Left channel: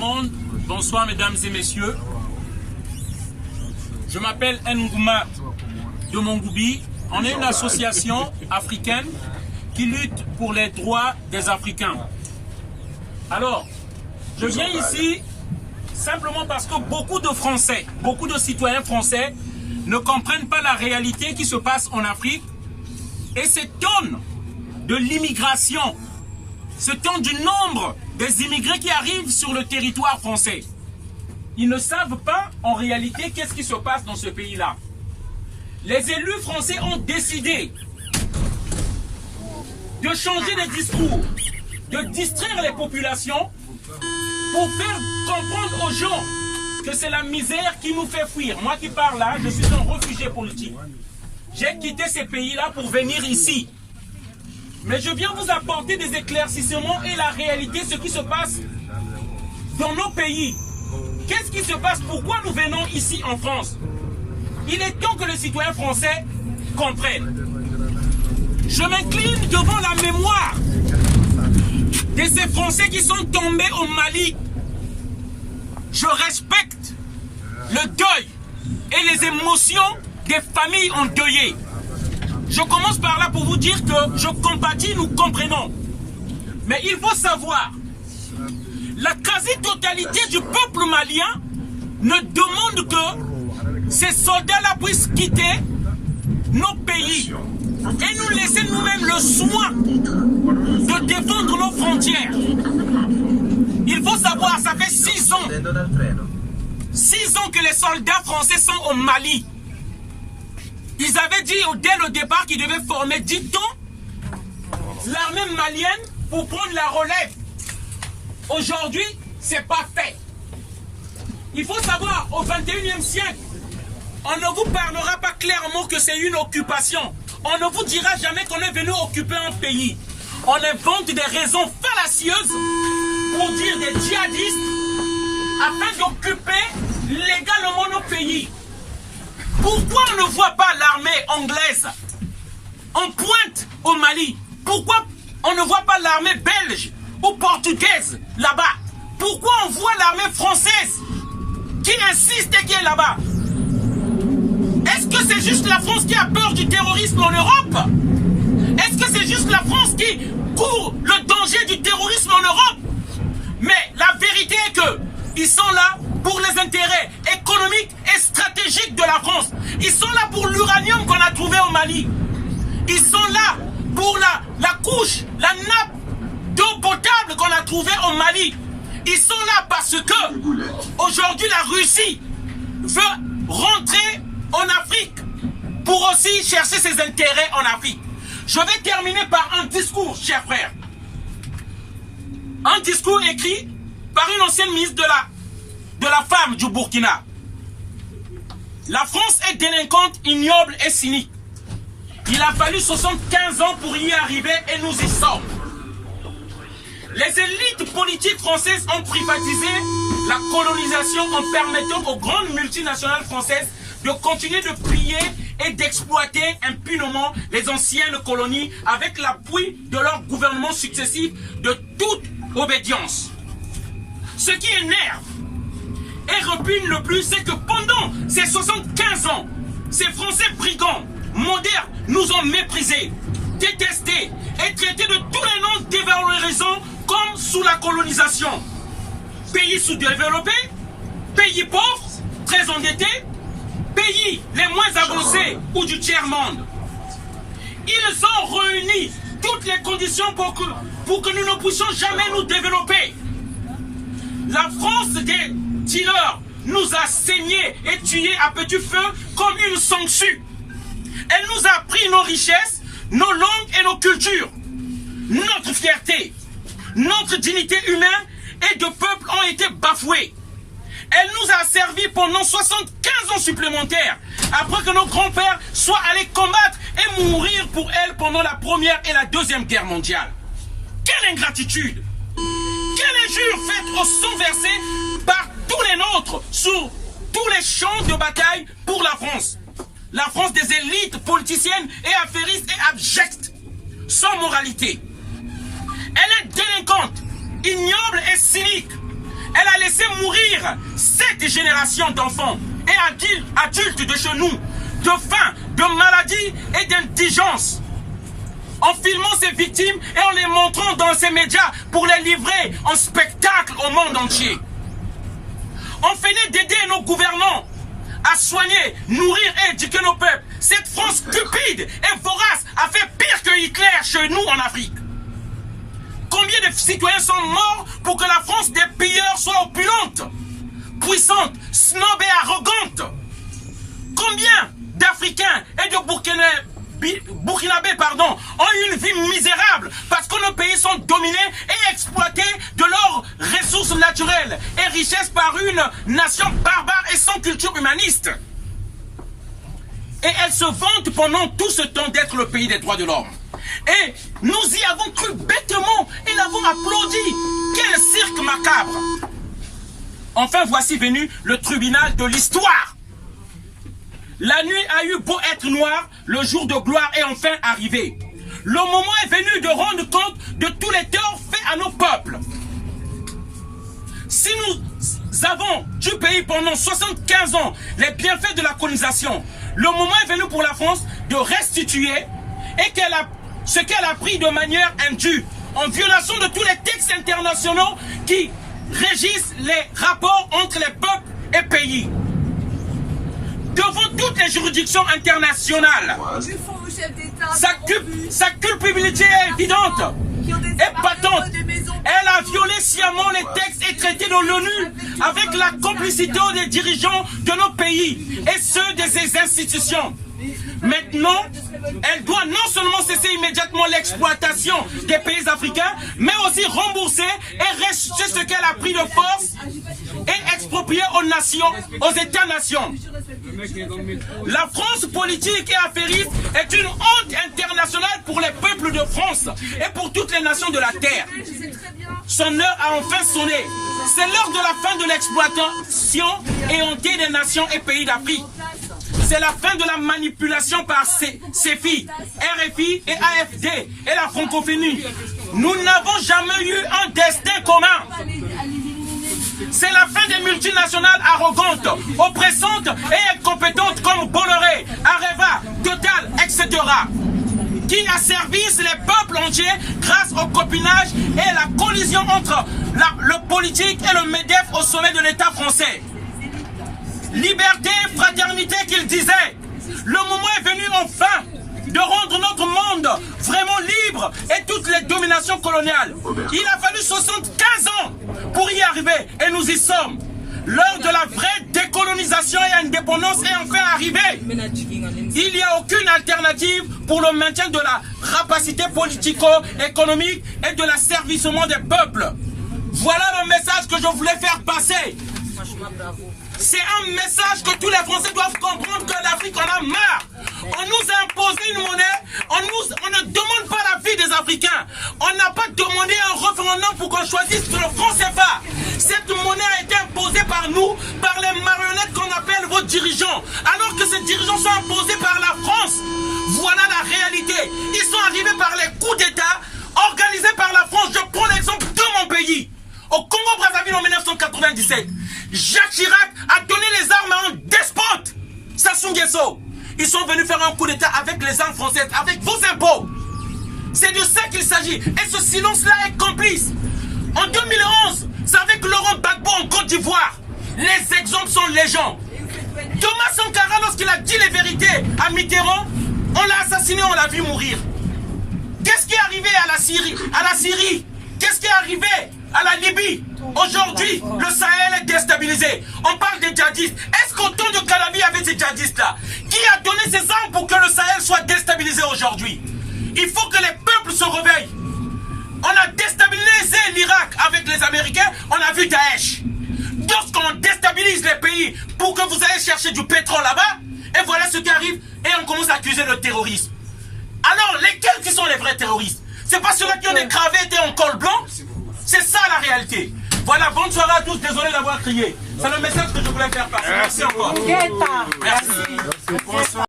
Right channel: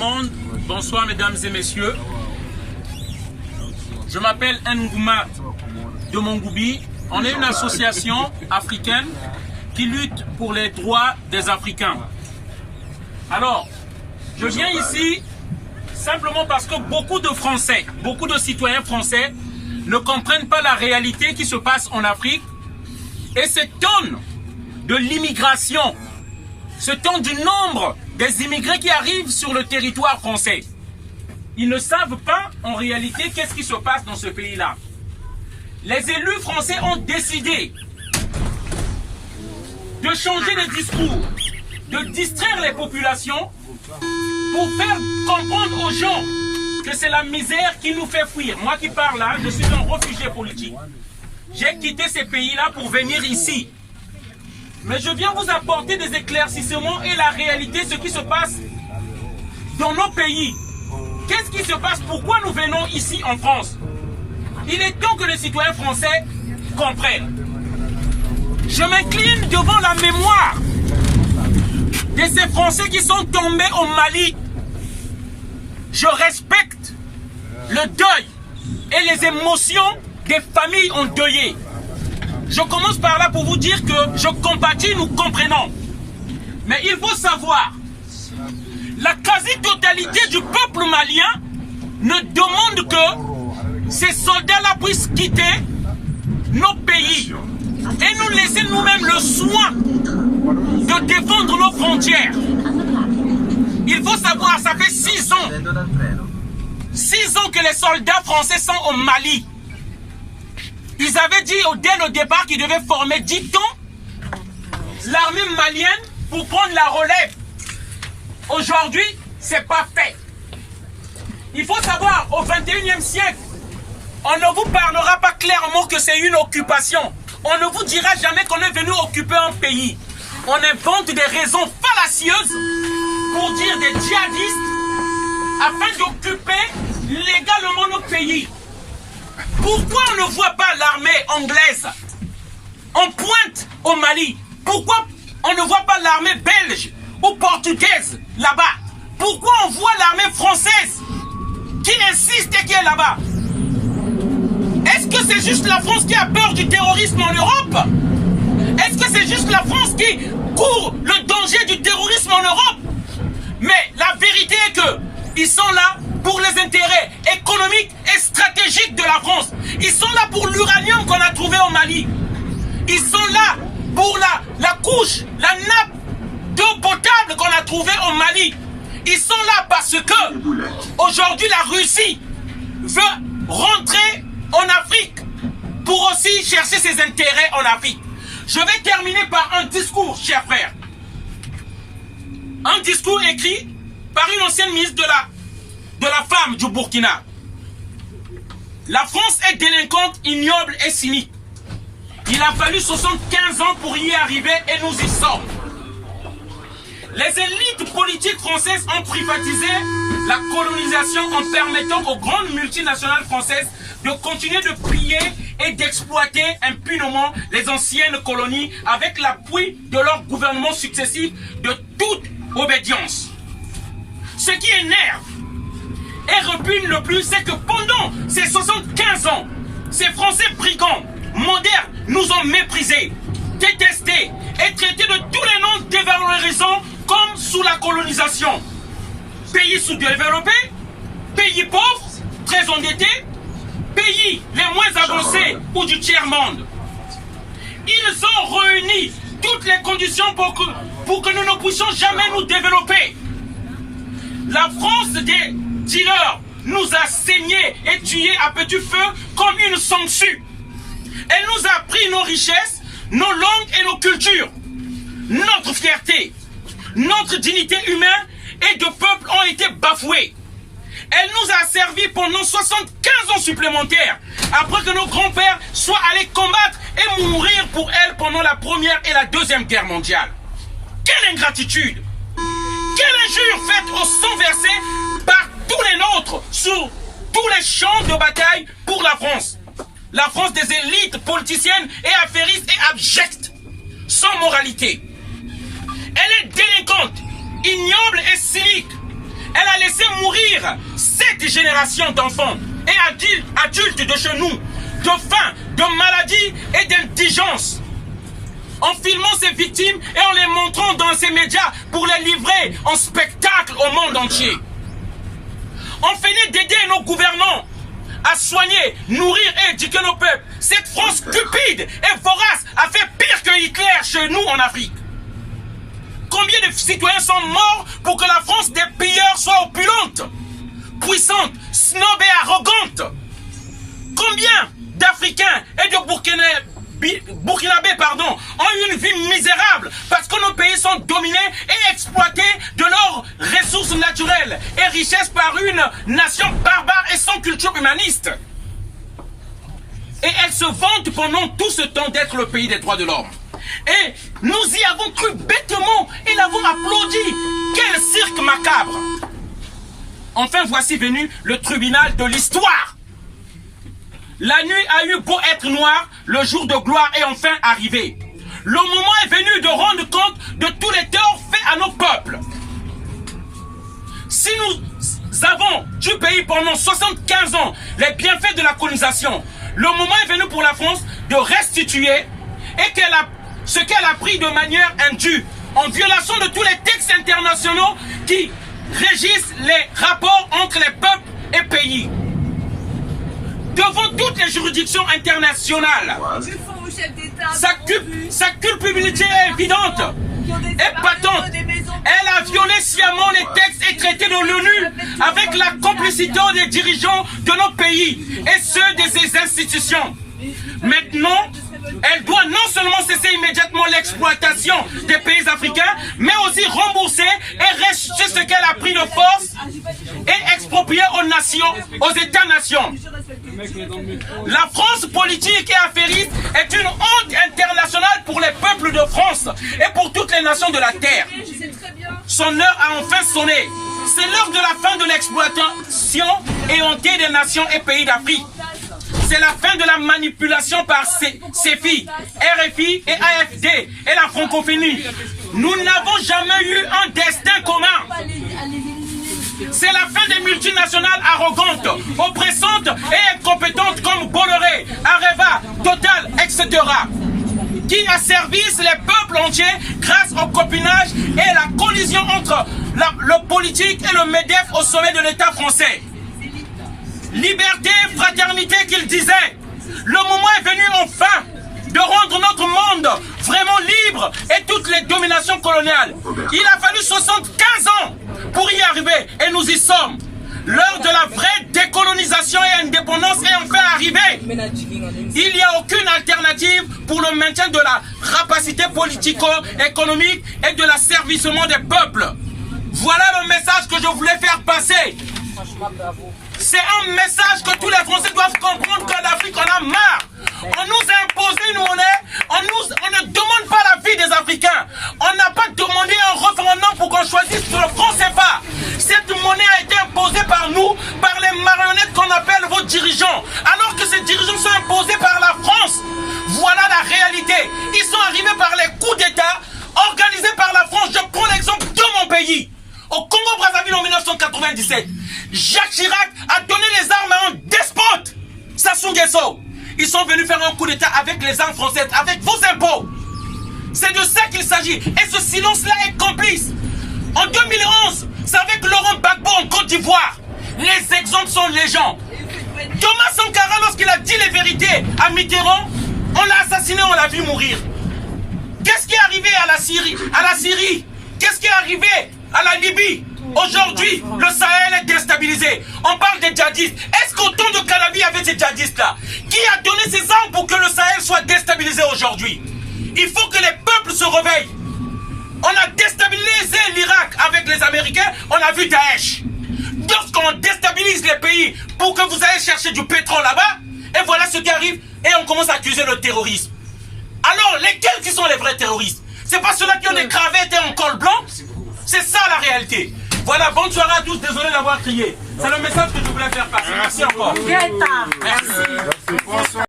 monde, bonsoir mesdames et messieurs. Je m'appelle Ngouma de Mongoubi. On est une association africaine qui lutte pour les droits des Africains. Alors, je viens ici simplement parce que beaucoup de Français, beaucoup de citoyens français ne comprennent pas la réalité qui se passe en Afrique et s'étonnent de l'immigration, s'étonnent du nombre des immigrés qui arrivent sur le territoire français. Ils ne savent pas en réalité qu'est-ce qui se passe dans ce pays-là. Les élus français ont décidé de changer de discours, de distraire les populations pour faire comprendre aux gens que c'est la misère qui nous fait fuir. Moi qui parle là, je suis un réfugié politique. J'ai quitté ces pays-là pour venir ici. Mais je viens vous apporter des éclaircissements et la réalité, ce qui se passe dans nos pays. Qu'est-ce qui se passe? Pourquoi nous venons ici en France? Il est temps que les citoyens français comprennent. Je m'incline devant la mémoire de ces Français qui sont tombés au Mali. Je respecte le deuil et les émotions des familles endeuillées. Je commence par là pour vous dire que je compatis, nous comprenons. Mais il faut savoir, la quasi-totalité du peuple malien ne demande que ces soldats-là puissent quitter nos pays et nous laisser nous-mêmes le soin de défendre nos frontières. Il faut savoir, ça fait 6 ans. 6 ans que les soldats français sont au Mali. Ils avaient dit dès le départ qu'ils devaient former 10 ans l'armée malienne pour prendre la relève. Aujourd'hui, c'est pas fait. Il faut savoir, au 21e siècle, on ne vous parlera pas clairement que c'est une occupation. On ne vous dira jamais qu'on est venu occuper un pays. On invente des raisons fallacieuses pour dire des djihadistes afin d'occuper légalement nos pays. Pourquoi on ne voit pas l'armée anglaise en pointe au Mali? Pourquoi on ne voit pas l'armée belge ou portugaise là-bas? Pourquoi on voit l'armée française qui insiste et qui est là-bas? Est-ce que c'est juste la France qui a peur du terrorisme en Europe? Est-ce que c'est juste la France qui court le danger du terrorisme en Europe? Mais la vérité est que ils sont là pour les intérêts économiques et stratégiques de la France. Ils sont là pour l'uranium qu'on a trouvé au Mali. Ils sont là pour la couche, la nappe d'eau potable qu'on a trouvée au Mali. Ils sont là parce que aujourd'hui la Russie veut rentrer en Afrique pour aussi chercher ses intérêts en Afrique. Je vais terminer par un discours, chers frères. Un discours écrit par une ancienne ministre de la femme du Burkina. La France est délinquante, ignoble et cynique. Il a fallu 75 ans pour y arriver et nous y sommes. Les élites politiques françaises ont privatisé la colonisation en permettant aux grandes multinationales françaises de continuer de piller et d'exploiter impunément les anciennes colonies avec l'appui de leurs gouvernements successifs de toute obédience. Ce qui énerve et repugne le plus, c'est que pendant ces 75 ans, ces Français brigands, modernes, nous ont méprisés, détestés et traités de tous les noms dévalorisants comme sous la colonisation. Pays sous-développés, pays pauvres, très endettés, pays les moins avancés ou du tiers-monde. Ils ont réuni toutes les conditions pour que nous ne puissions jamais nous développer. La France des dealers nous a saignés et tués à petit feu comme une sangsue. Elle nous a pris nos richesses, nos langues et nos cultures. Notre fierté, notre dignité humaine et de peuple ont été bafouées. Elle nous a servi pendant 75 ans supplémentaires, après que nos grands-pères soient allés combattre et mourir pour elle pendant la Première et la Deuxième Guerre mondiale. Quelle ingratitude! Quelle injure faite au sang versé par tous les nôtres sur tous les champs de bataille pour la France. La France des élites politiciennes et affairistes et abjectes, sans moralité. Elle est délinquante, ignoble et cynique. Elle a laissé mourir 7 générations d'enfants et adultes de chez nous, de faim, de maladie et d'indigence. En filmant ces victimes et en les montrant dans ces médias pour les livrer en spectacle au monde entier. On finit d'aider nos gouvernants à soigner, nourrir et éduquer nos peuples. Cette France stupide et vorace a fait pire que Hitler chez nous en Afrique. Combien de citoyens sont morts pour que la France des pilleurs soit opulente, puissante, snob et arrogante? Combien d'Africains et de Burkinabés ont eu une vie misérable parce que nos pays sont dominés et exploités de leurs ressources naturelles et richesses par une nation barbare et sans culture humaniste. Et elle se vante pendant tout ce temps d'être le pays des droits de l'homme. Et nous y avons cru bêtement et l'avons applaudi. Quel cirque macabre! Enfin, voici venu le tribunal de l'histoire. La nuit a eu beau être noire, le jour de gloire est enfin arrivé. Le moment est venu de rendre compte de tous les torts faits à nos peuples. Si nous avons du pays pendant 75 ans les bienfaits de la colonisation, le moment est venu pour la France de restituer et ce qu'elle a pris de manière indue, en violation de tous les textes internationaux qui régissent les rapports entre les peuples et pays. Devant toutes les juridictions internationales, sa culpabilité est évidente et patente. Elle a violé sciemment les textes et traités de l'ONU avec la complicité des dirigeants de nos pays et ceux de ses institutions. Maintenant, elle doit non seulement cesser immédiatement l'exploitation des pays africains, mais aussi rembourser et rejeter ce qu'elle a pris de force et exproprier aux nations, aux États-nations. La France politique et affairiste est une honte internationale pour les peuples de France et pour toutes les nations de la Terre. Son heure a enfin sonné. C'est l'heure de la fin de l'exploitation éhontée des nations et pays d'Afrique. C'est la fin de la manipulation par CEFI, RFI et AFD et la francophonie. Nous n'avons jamais eu un destin commun. C'est la fin des multinationales arrogantes, oppressantes et incompétentes comme Bolloré, Areva, Total, etc. qui asservissent les peuples entiers grâce au copinage et la collision entre le politique et le MEDEF au sommet de l'État français. Liberté, fraternité qu'il disait. Le moment est venu enfin de rendre notre monde vraiment libre et toutes les dominations coloniales. Il a fallu 75 ans pour y arriver et nous y sommes. L'heure de la vraie décolonisation et indépendance est enfin arrivée. Il n'y a aucune alternative pour le maintien de la rapacité politico-économique et de l'asservissement des peuples. Voilà le message que je voulais faire passer. C'est un message que tous les Français doivent comprendre qu'en Afrique, on a marre. On nous a imposé une monnaie, on ne demande pas la vie des Africains. On n'a pas demandé un référendum pour qu'on choisisse le franc CFA. Cette monnaie a été imposée par nous, par les marionnettes qu'on appelle vos dirigeants. Alors que ces dirigeants sont imposés par la France. Voilà la réalité. Ils sont arrivés par les coups d'État organisés par la France. Je prends l'exemple de mon pays. Au Congo-Brazzaville en 1997, Jacques Chirac a donné les armes à un despote, Sassou Nguesso. Ils sont venus faire un coup d'État avec les armes françaises, avec vos impôts. C'est de ça qu'il s'agit. Et ce silence-là est complice. En 2011, c'est avec Laurent Gbagbo en Côte d'Ivoire. Les exemples sont légion. Thomas Sankara, lorsqu'il a dit les vérités à Mitterrand, on l'a assassiné, on l'a vu mourir. Qu'est-ce qui est arrivé à la Syrie? Qu'est-ce qui est arrivé à la Libye? Aujourd'hui, le Sahel est déstabilisé. On parle des djihadistes. Est-ce qu'au temps de Kadhafi, il y avait ces djihadistes-là? Qui a donné ces armes pour que le Sahel soit déstabilisé aujourd'hui? Il faut que les peuples se réveillent. On a déstabilisé l'Irak avec les Américains, on a vu Daesh. Lorsqu'on déstabilise les pays pour que vous allez chercher du pétrole là-bas, et voilà ce qui arrive, et on commence à accuser le terrorisme. Alors, lesquels qui sont les vrais terroristes? C'est pas ceux-là qui ont des cravates et un col blanc? C'est ça la réalité. Voilà, bonne soirée à tous, désolé d'avoir crié. C'est le message que je voulais faire passer. Merci encore. Merci.